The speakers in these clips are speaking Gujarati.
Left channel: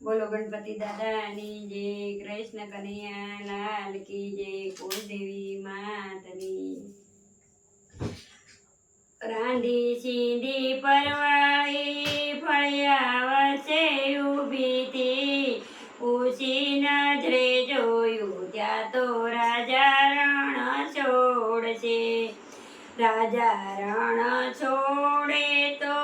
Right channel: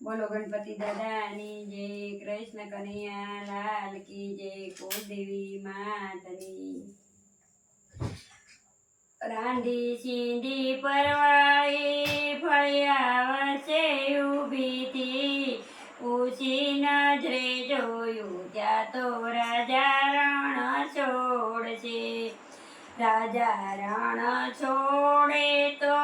બોલો, ગણપતિ દાદાની જય, કૃષ્ણ કનૈયા, લાલ કી જય કુલદેવી માતની. રાંધી સિંધી પરવાળી, ફળિયા વસે ઊભી હતી નજરે જોયું, ત્યાં તો રાજા રણ છોડશે. રાજા રણ છોડે તો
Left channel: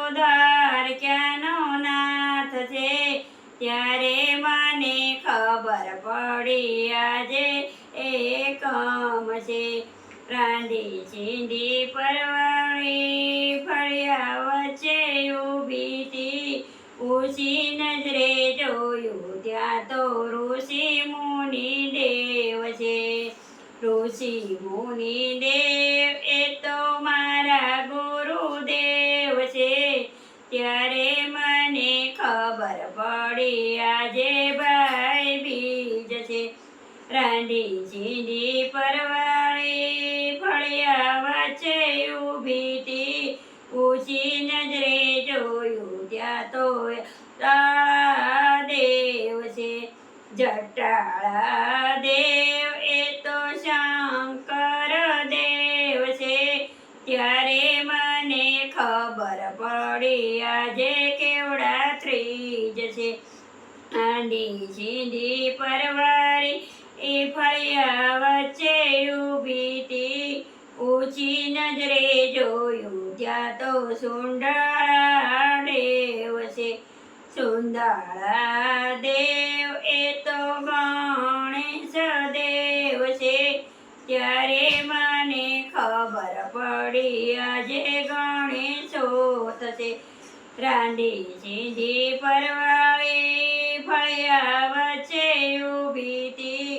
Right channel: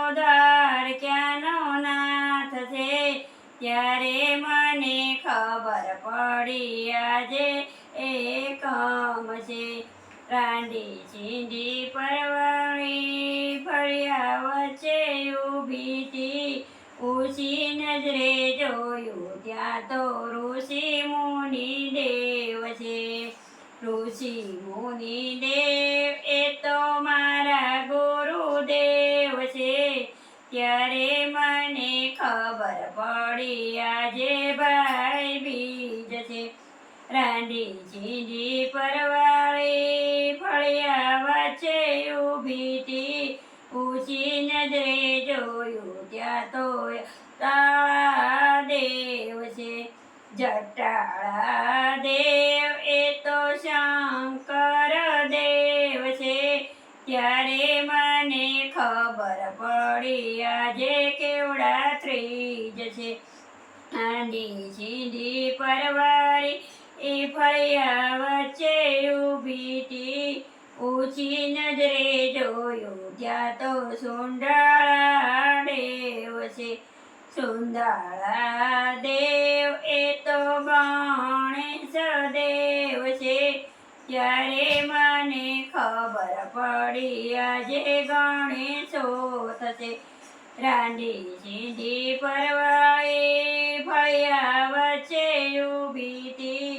ત્યારે મને ખબર પડી આજે એકમ છે. રાંધી ચીંધી પરવાળી, ફળિયા વચ્ચે ઊભી ઊંચી નજરે જોયું, ત્યાં તો ઋષિ મુનિ દેવ છે. ઋષિ મુનિ દેવ એ તો મારા ગુરુદેવ છે. ત્યારે ખબર પડી આજે ભાઈ બીજ છે. રાંધી પરવાળી ફળિયા વચ્ચે ઊભી હતી ઊંચી નજરે જોયું ત્યાં તો તાળા દેવ છે. જટાળા મને ખબર પડી આજે કેવડા ત્રીજ છે. આંધી સીધી પરવારી, એ ફળિયા વચ્ચે ઊભી હતી ઊંચી નજરે જોયું, ત્યાં તો સુંડાળા દેવ છે. સુંદાળા દેવ એ તો ગણેશ દેવ છે. ત્યારે મને ખબર પડી આજે છે. રાંધી સીધી પરવાળી ફળ્યા વચ્ચે ઊભી હતી.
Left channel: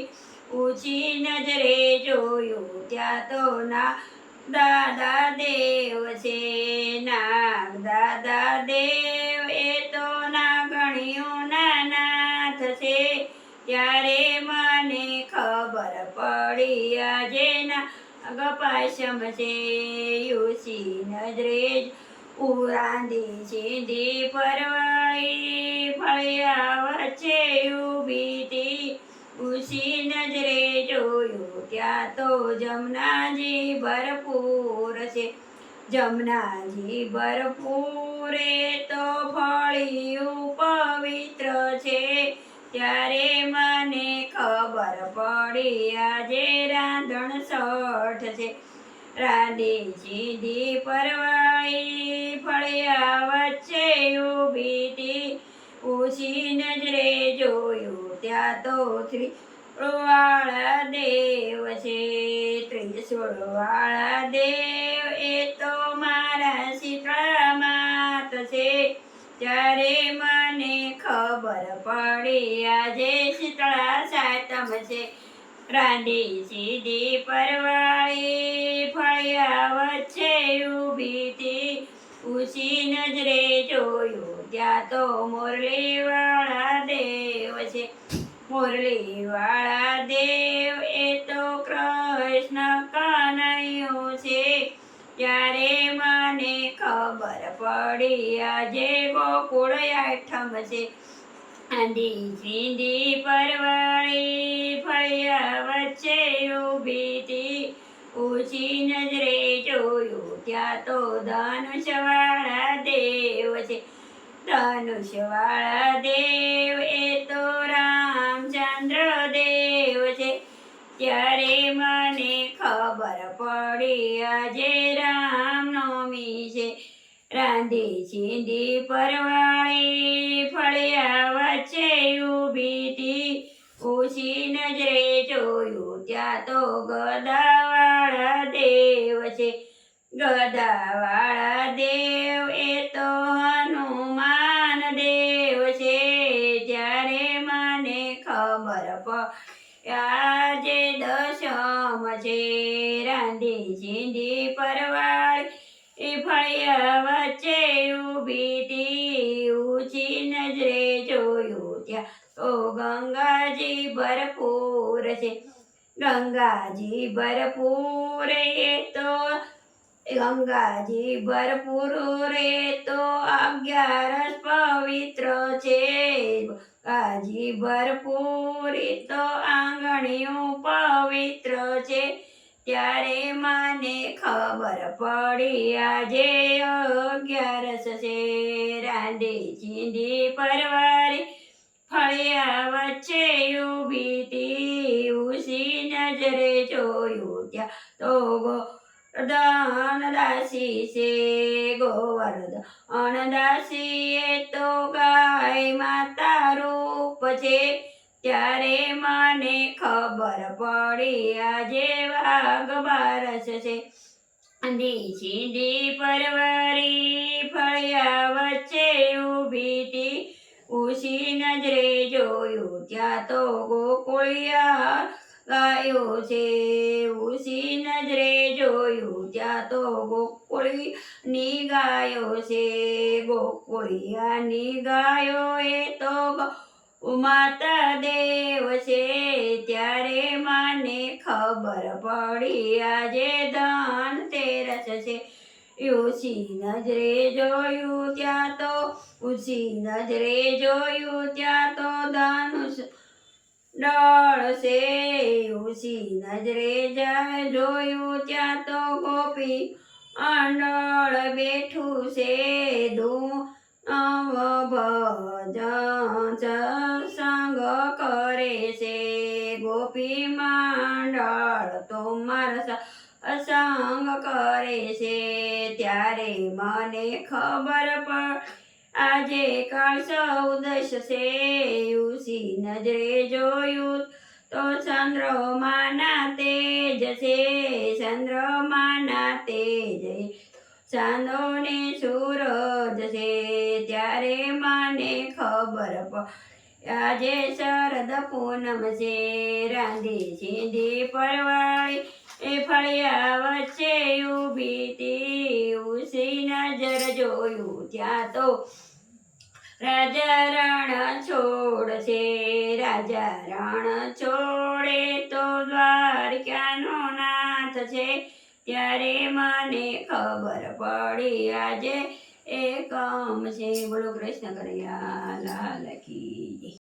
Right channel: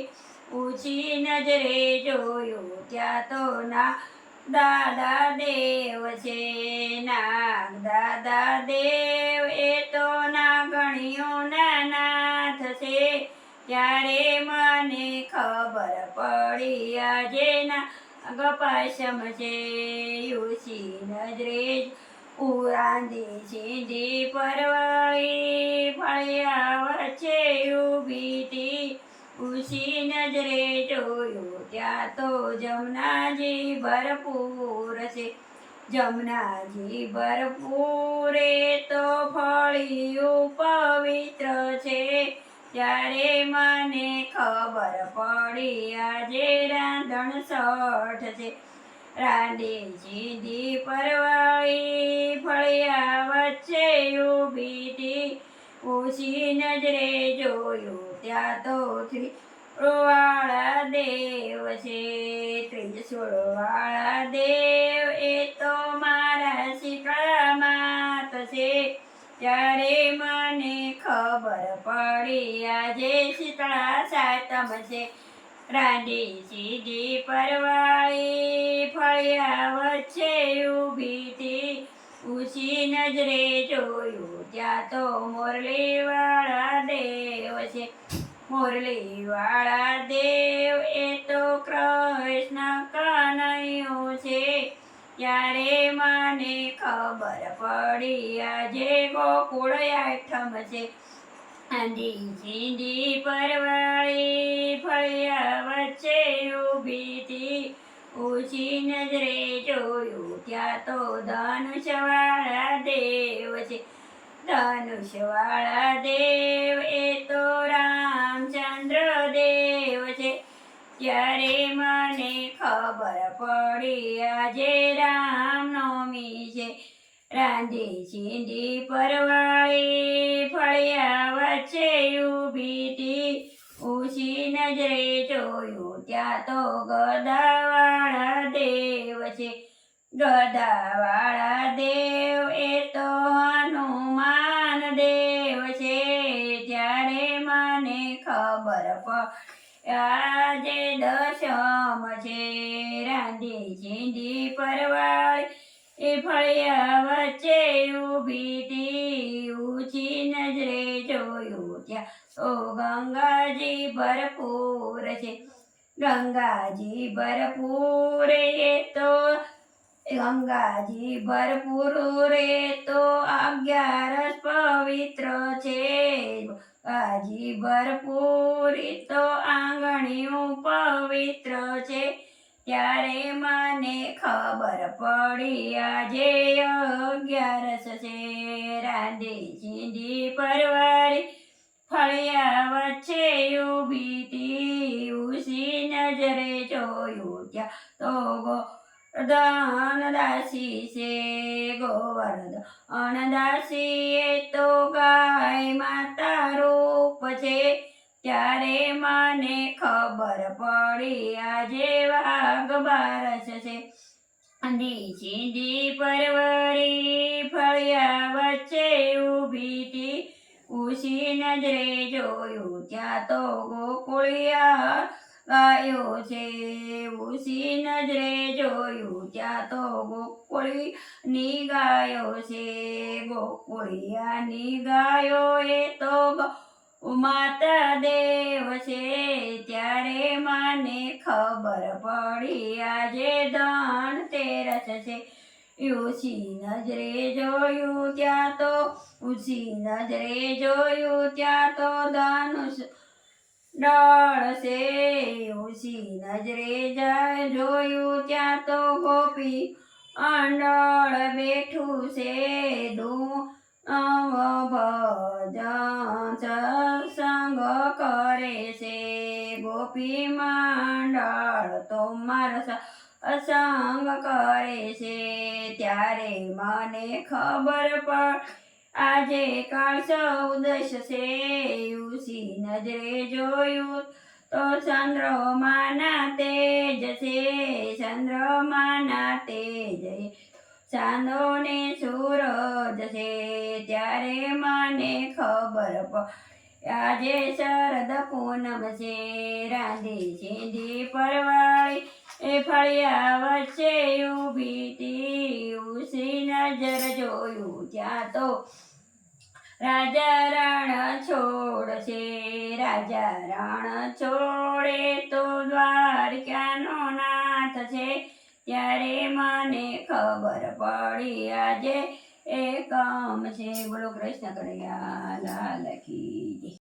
ઊંચી નજરે જોયું ત્યાં તો ના દાદા દેવ છે. ના દાદા દેવ એ તો નાગણીયું ના નાથ છે. ત્યારે મને ખબર પડી આજે ના ગપાશમ છે યુસી નજરે જ ઉરાંધી સીધી પરવાળી, ફળિયા વચ્ચે ઊભી હતી નજરે જોયું ત્યાં તો જમનાજી ભરપૂર છે. જમનાજી ભરપૂર તો ફળિયું પવિત્ર છે. ત્યારે મને ખબર પડી, આજે રાંધણ સઠ છે. રાંધી સીધી પરવાળી ફળિયા વચ્ચે ઊભી હતી નજરે જોયું ત્યાં તો ત્રિવાળા દેવ છે. ત્રિશુળ વાળા દેવ એ તો મારા શીતળા માત છે. ત્યારે મને ખબર પડી. આજે શીતળા સાતમ છે. રાંધી સીધી પરવાળી ફળિયા વચ્ચે ઊભી હતી નજરે જોયું, ત્યાં તો મુરલીવાળા દેવ છે. મુરલીવાળા દેવ એ તો કૃષ્ણ કનૈયો છે. ત્યારે મને ખબર પડી, આજે ગોકુળ આઠમ છે. ચીંધી પરવાળી ફળિયા વચ્ચે ઊભી હતી. નજરે જોયું, ત્યાં તો ધનુષવાળા દેવ છે. ધનુષવાળા દેવ એ તો રામચંદ્ર દેવ છે. ત્યારે મને ખબર પડી, આજે રામનવમી છે. રાંધી ચીંધી પરવાળી આજે દશમ છે રાંધી ચીંધી પરવાળી. એ ફળિયા વચ્ચે ઊભી ઊંચી નજરે જોયું ત્યાં. ઓ ગંગાજી ભરપૂર છે. ગંગાજી ભરપૂર એ તો, ગંગાજી ભરપૂર રે તો અગિયારસ પવિત્ર છે. શાકભાજી ભરપૂરી તો આંગણીયું પવિત્ર છે. ત્યારે મને ખબર પડી આજે અગિયારસ છે રાંધી ચીંધી પરવારી, ફળિયા વચ્ચે ઊભી તી. ઉસી નજરે જોયું ત્યાં તો દાસી છે ગોવર્ધન દાસી એ તો ગાય માતા રૂપ છે. ત્યારે મને ખબર પડી, આજે વાઘ બારસ છે. દી સીધી પરવરી ફળિયા વચ્ચે ઊભી હતી. ઉસી નજરે જોયું, ત્યાં તો ગોકુળિયા ગાયો છે ઉસી નજરે જોયું ત્યાં તો ગોકુળી ની ગાયો છે. ગોકુળિયાની ગાયો એ તો માતા દેવ છે. ત્યારે મને ખબર પડી, આજે ધન તેરસ છે. ઉસી નજરે જોયું ત્યાં તો ઉસી નજરે જોયું ત્યાં તો ધનુષ ડળ છે ઉસી નજરે જાય જોયું ત્યાં તો ગોપી અંડળ બેઠું છે ધૂ ભજન સંગ કરે છે. ગોપી માંડળ તો મારા અસંગ કરે છે. ત્યારે મને ખબર પડ આજે કાળ સૌદશ છે ઉસી નજરે જોયું તો ચંદ્રમાના તેજ છે, ચંદ્રમાના તેજ ચાંદો ને સૂરજ છે, ત્યારે મને ખબર પ આજે શરદ પૂનમ છે, રાંધી સીધી પરવાળી એ ફળિયા વચ્ચે ઊભી તી ઉસી નજર જોયું ત્યાં તો રાજા રણ છોડ છે રાજા રણ છોડે તો દ્વારકાનો નાથ છે ત્યારે મને ખબર પડી આજે એકમ છે બોલો કૃષ્ણ કનૈયા, લાલ કી.